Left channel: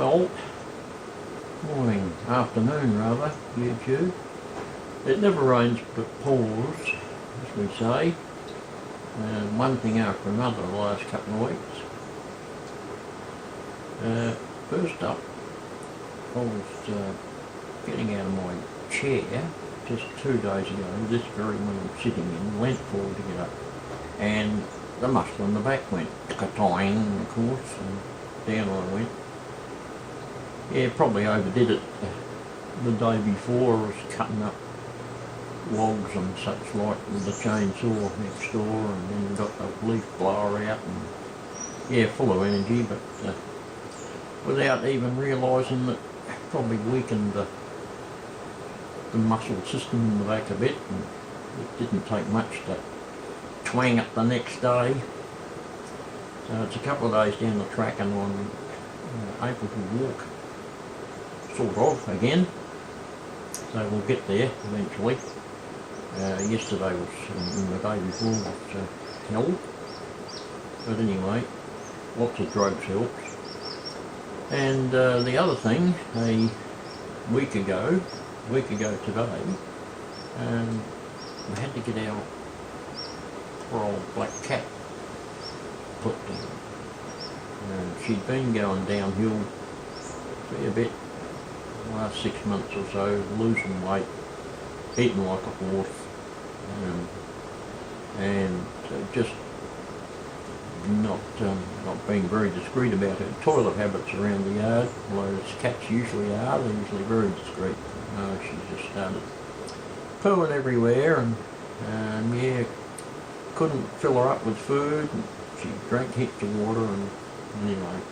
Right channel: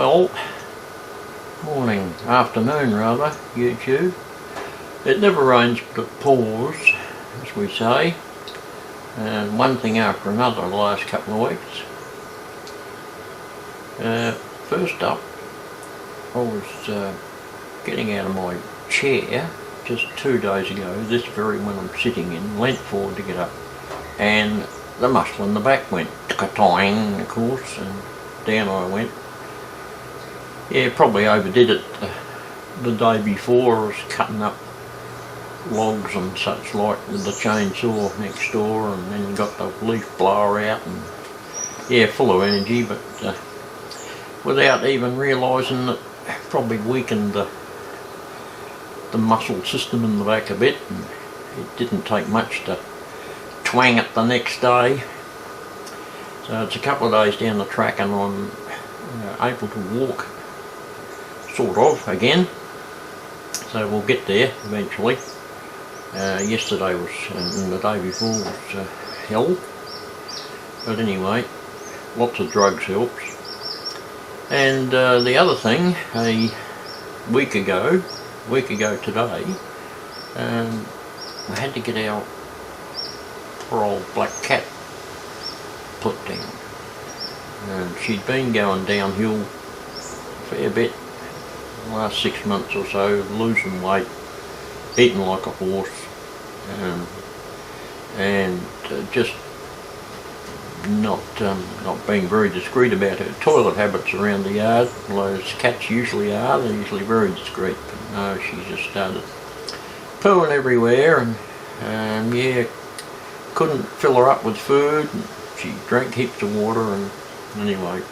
Well, morning, afternoon rather, YouTube. It never rains but it pours, as we say, and one thing after another the last couple of weeks. First up, I was getting out of my chair just 2 days ago, this very one I'm sitting in, leant forward to get up, and the muscle in the back went tick-a-toing, of course, and down I went. Yeah, probably overdid it the day before. I was cutting up logs and such like with the chainsaw next door, and then got the leaf blower out, and yeah, full of energy, but without even realising that probably weakened the muscle system in the back a bit, and it didn't take much to twang it the next day. So it's a couple of days down the track and I'm able to walk sort of again, so we'll get there eventually. Yesterday was, and the day before was hell, but anyway, lots of drugs helps. And the other thing, a week ago today, I had to get our poor old black cat put down. She'd been going downhill a fair bit the last 6 months or so, losing weight, eating like a horse, and just not being very discreet about her toilet habits around the yard. Well, as cats usually are, they're usually very discreet, but no, she just started pooing everywhere, and yeah, couldn't fill her up with food, and she drank heaps of water, and anyway,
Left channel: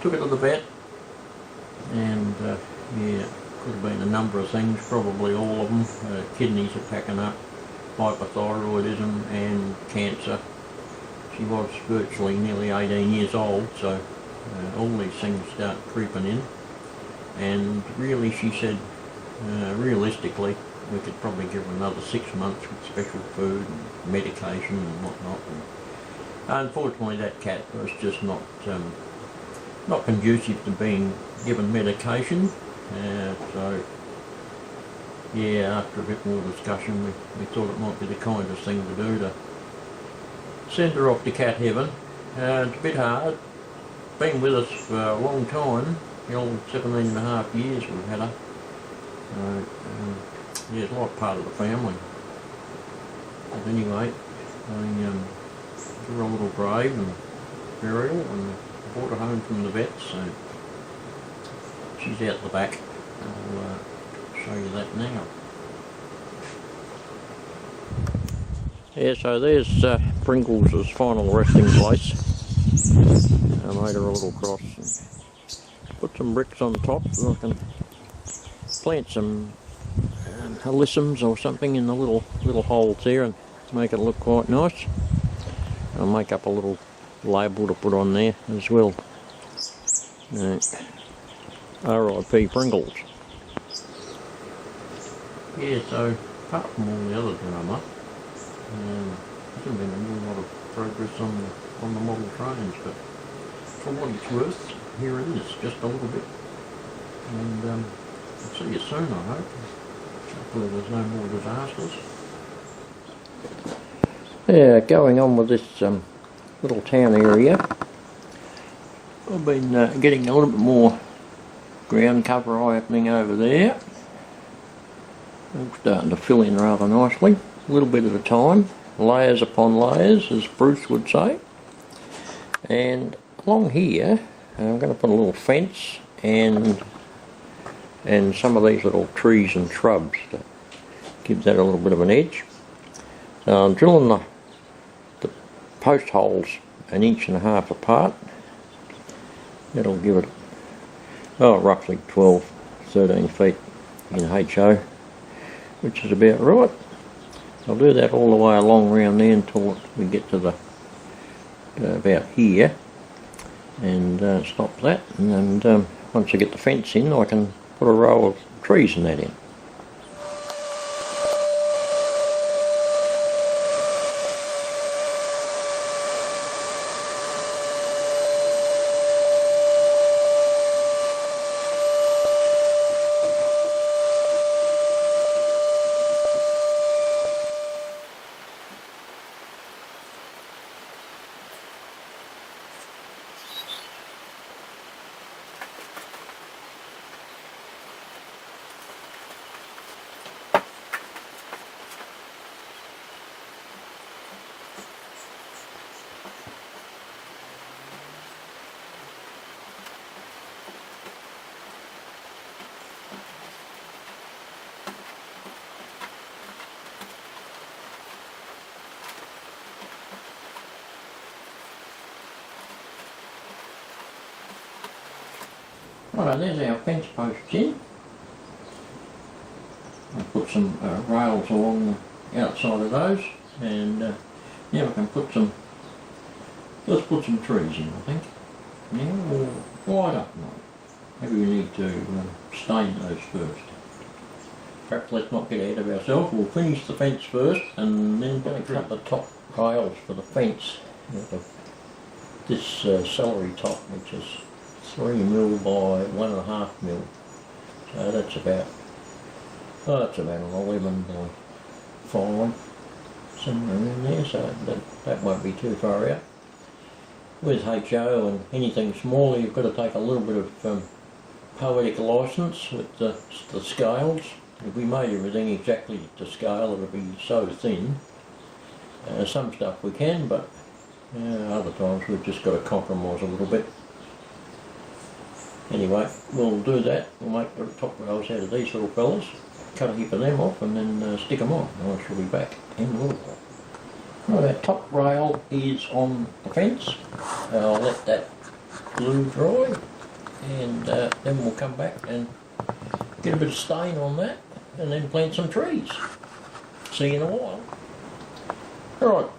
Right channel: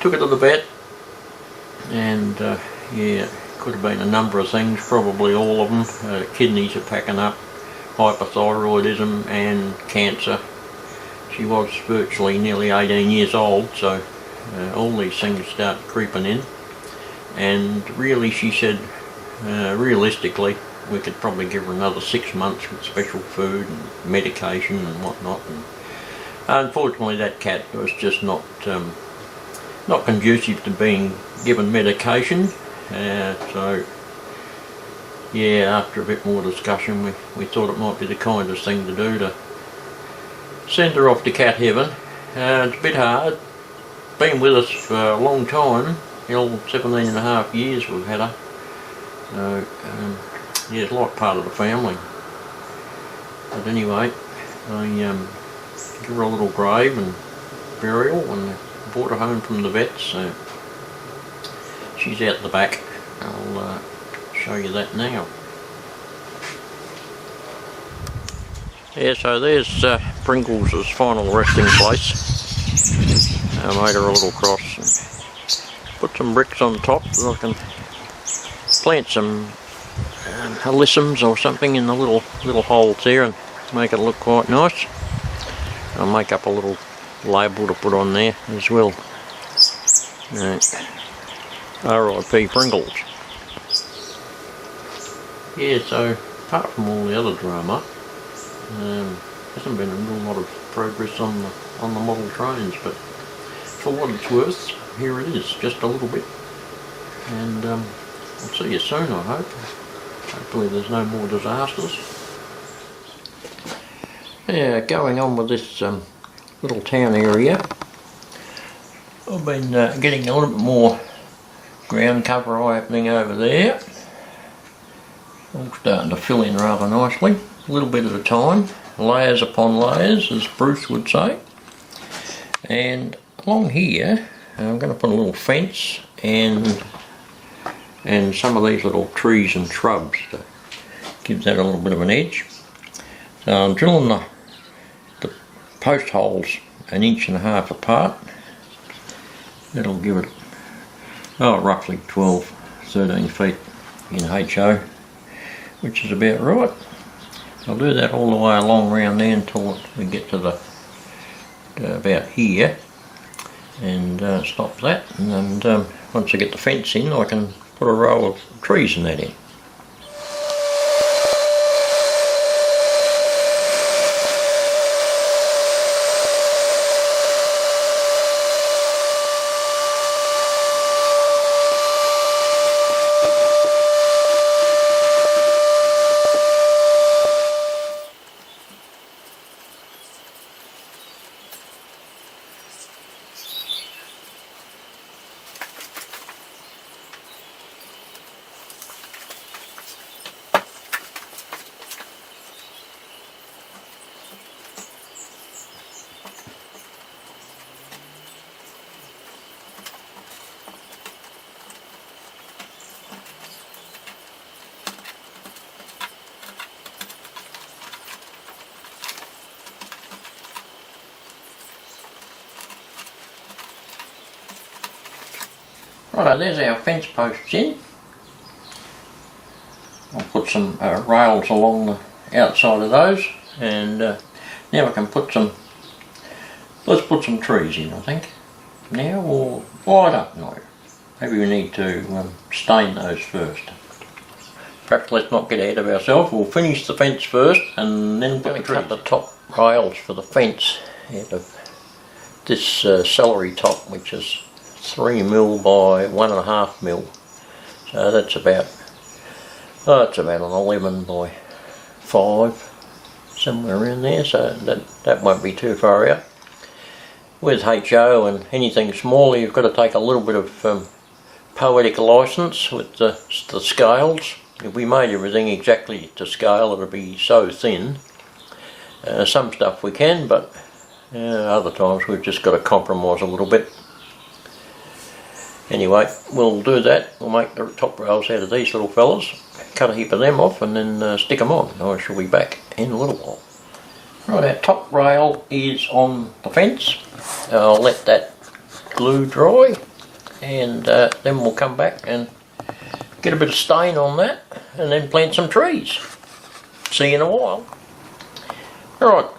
took her to the vet, and yeah, could have been a number of things, probably all of them. Kidneys are packing up, hypothyroidism and cancer. She was virtually nearly 18 years old, so all these things start creeping in, and really, she said, realistically, we could probably give her another 6 months with special food and medication and whatnot. And unfortunately, that cat was just not conducive to being given medication. So yeah, after a bit more discussion, we thought it might be the kindest thing to do to send her off to cat heaven. It's a bit hard. Been with us for a long time, the old 17 and a half years we've had her. Yeah, it's like part of the family. But anyway, I give her a little grave and burial, and I brought her home from the vets, so she's out the back. I'll show you that now. Yeah, so there's Pringles' final resting place. I made her a little cross and put some bricks on top so I can plant some alyssums or something in the little holes there and make it look quite nice. I'll make up a little label to put on there as well. R.I.P. Pringles. Yeah, so apart from all the other drama, hasn't been a real lot of progress on the model trains, but for what it's worth, here it is, just a little bit. And I'll see you soon, I hope. Hopefully there's no more disasters. Yeah, going on with this little town area, I've been getting a little bit more ground cover opening over there. All starting to fill in rather nicely, a little bit at a time, layers upon layers, as Bruce would say. And along here, I'm going to put a little fence and some of these little trees and shrubs to give that a little bit of an edge. So I'm drilling the post holes 1.5 inches apart. That'll give it roughly 12-13 feet in HO, which is about right. I'll do that all the way along around there until we get to the about here, and stop that, and once I get the fence in, I can put a row of trees in that in. Righto, there's our fence posts in. I'll put some rails along the outside of those, and now I can put some, let's put some trees in, I think. Now, or I don't know. Maybe we need to stain those first. Perhaps let's not get ahead of ourselves. We'll finish the fence first, and then we're going to cut the top rails for the fence out of this celery top, which is 3mm by 1.5mm. So that's about, it's about an 11 by 5, somewhere around there. So that won't be too far out. With HO and anything smaller, you've got to take a little bit of poetic license with the scales. If we made everything exactly to scale, it would be so thin. Some stuff we can, but other times we've just got to compromise a little bit. Anyway, we'll do that. We'll make the top rails out of these little fellas, cut a heap of them off, and then stick them on. I shall be back in a little while. Right, our top rail is on the fence. I'll let that glue dry, and then we'll come back and get a bit of stain on that, and then plant some trees. See you in a while. Alright,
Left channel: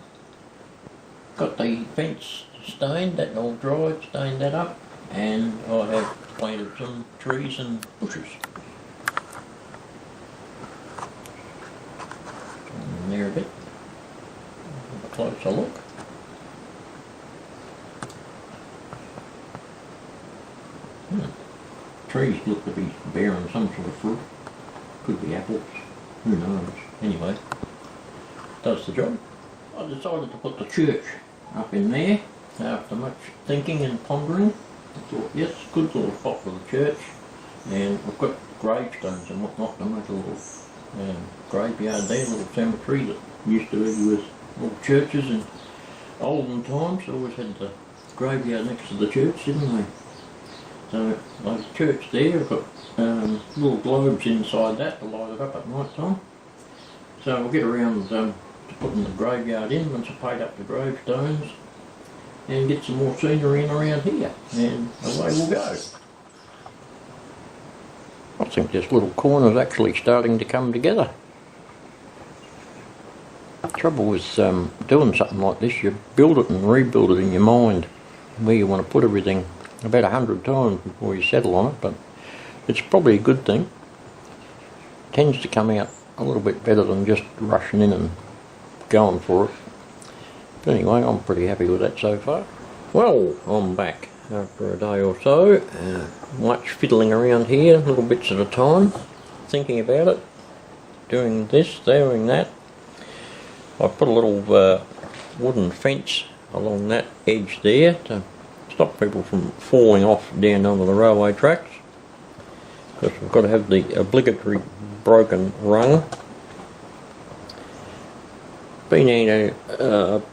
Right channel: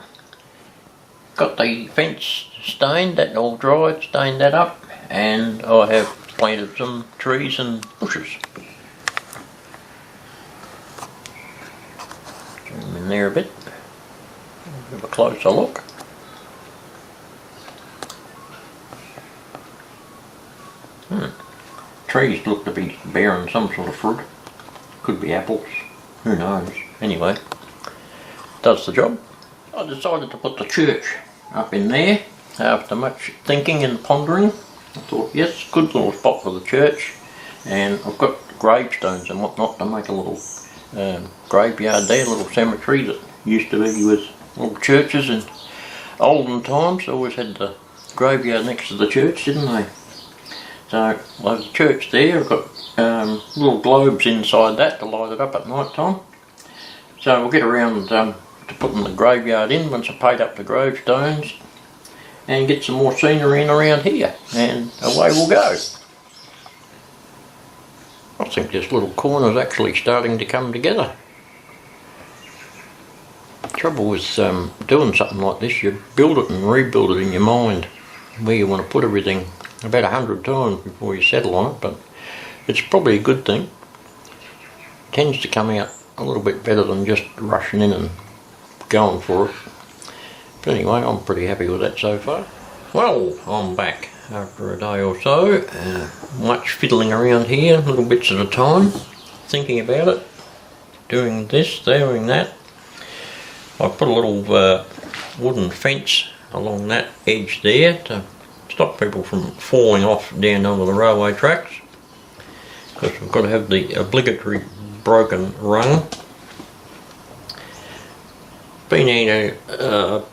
got the fence stained, that all dried, stained that up, and I have planted some trees and bushes. Zoom in there a bit, have a closer look. Trees look to be bearing some sort of fruit. Could be apples, who knows. Anyway, does the job. I decided to put the church up in there after much thinking and pondering. I thought, yes, good little spot for the church, and I've got gravestones and whatnot to make a little graveyard there, a little cemetery that used to be with little churches in olden times. They always had the graveyard next to the church, didn't they? So, like the church there, I've got little globes inside that to light it up at night time. So we'll get around to putting the graveyard in once I paid up the gravestones, and get some more scenery in around here, and away we'll go. I think this little corner's actually starting to come together. The trouble with doing something like this, you build it and rebuild it in your mind, where you want to put everything about 100 times before you settle on it, but it's probably a good thing. It tends to come out a little bit better than just rushing in and going for it. But anyway, I'm pretty happy with that so far. Well, I'm back after a day or so. Much fiddling around here, little bits at a time, thinking about it, doing this, doing that. I put a little wooden fence along that edge there to stop people from falling off down onto the railway tracks, because we've got to have the obligatory broken rung. Been in a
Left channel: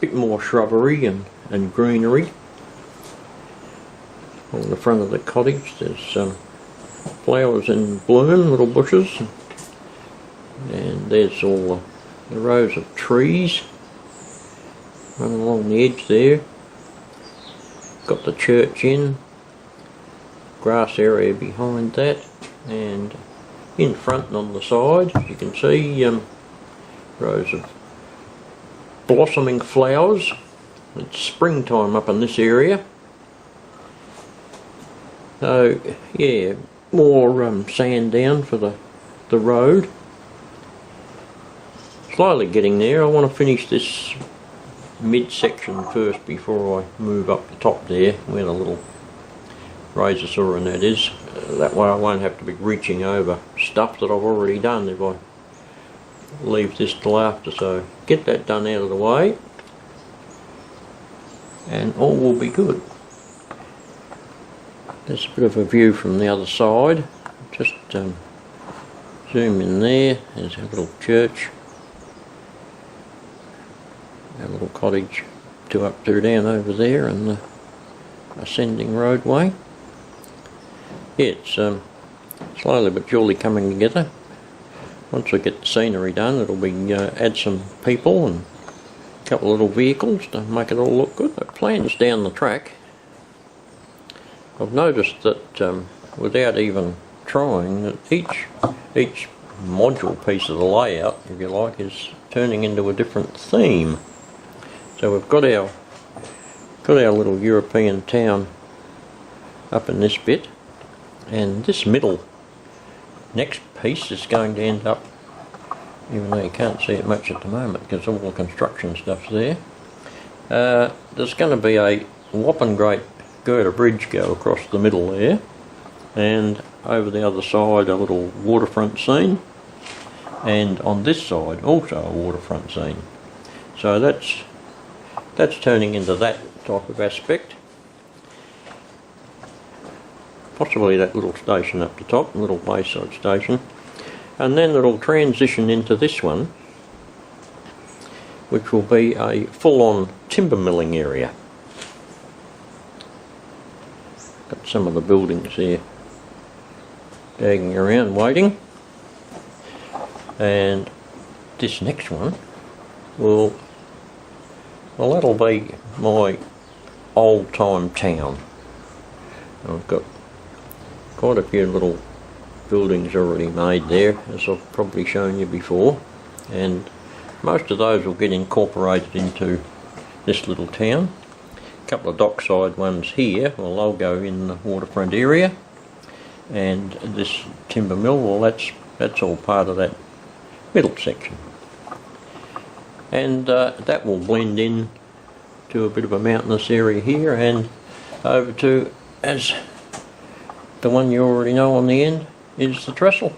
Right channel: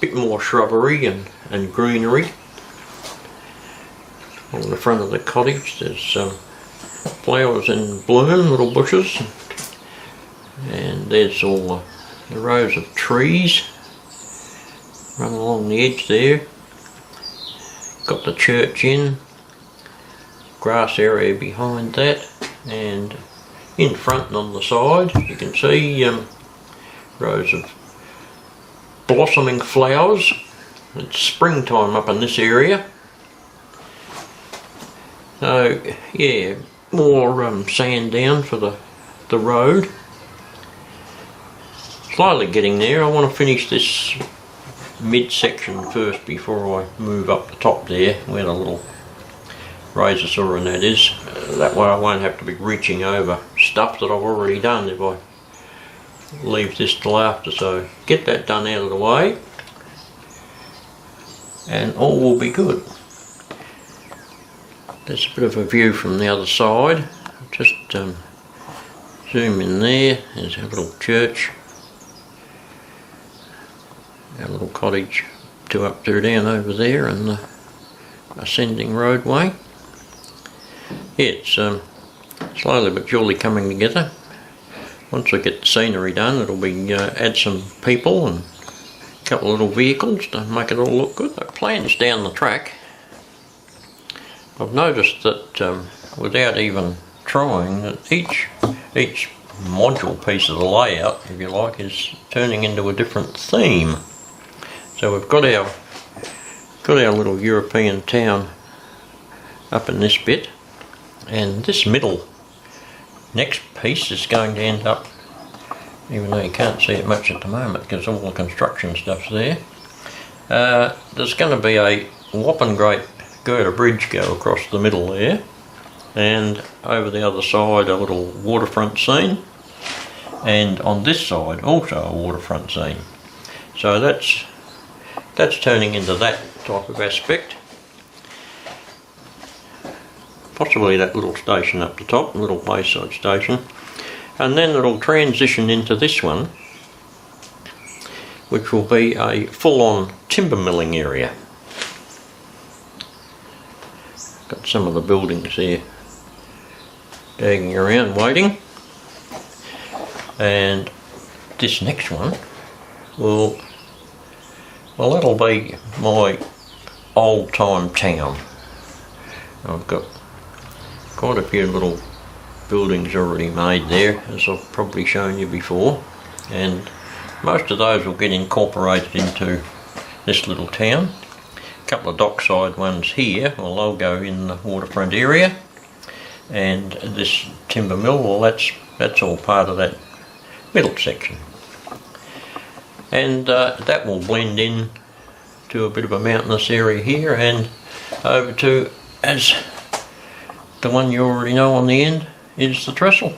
bit more shrubbery and greenery on the front of the cottage. There's flowers in bloom, little bushes, and there's all the rows of trees run along the edge there. Got the church in, grass area behind that, and in front and on the side you can see rows of blossoming flowers. It's springtime up in this area. So yeah, more sand down for the road. Slowly getting there. I want to finish this midsection first before I move up the top there where the little razor saw and that is. That way I won't have to be reaching over stuff that I've already done if I leave this till after. So get that done out of the way and all will be good. There's a bit of a view from the other side. Just zoom in there. There's a little church. Our little cottage, 2 up, 2 down over there, and the ascending roadway. Yeah, it's slowly but surely coming together. Once we get the scenery done, it'll be add some people and a couple of little vehicles to make it all look good. The plans down the track I've noticed that without even trying, that each module piece of the layout, if you like, is turning into a different theme. So we've got our little European town up in this bit, and this middle next piece is going to end up, even though you can't see it much at the moment because all the construction stuff's there, there's going to be a whopping great girder bridge go across the middle there, and over the other side a little waterfront scene, and on this side also a waterfront scene. So that's turning into that type of aspect. Possibly that little station up the top, a little wayside station, and then it'll transition into this one, which will be a full-on timber milling area. Got some of the buildings there dagging around waiting, and this next one will, well, that'll be my old-time town. I've got quite a few little buildings already made there, as I've probably shown you before, and most of those will get incorporated into this little town. A couple of dockside ones here, well, they'll go in the waterfront area, and this timber mill, well, that's all part of that middle section. And that will blend in to a bit of a mountainous area here, and over to, as the one you already know on the end, is the trestle.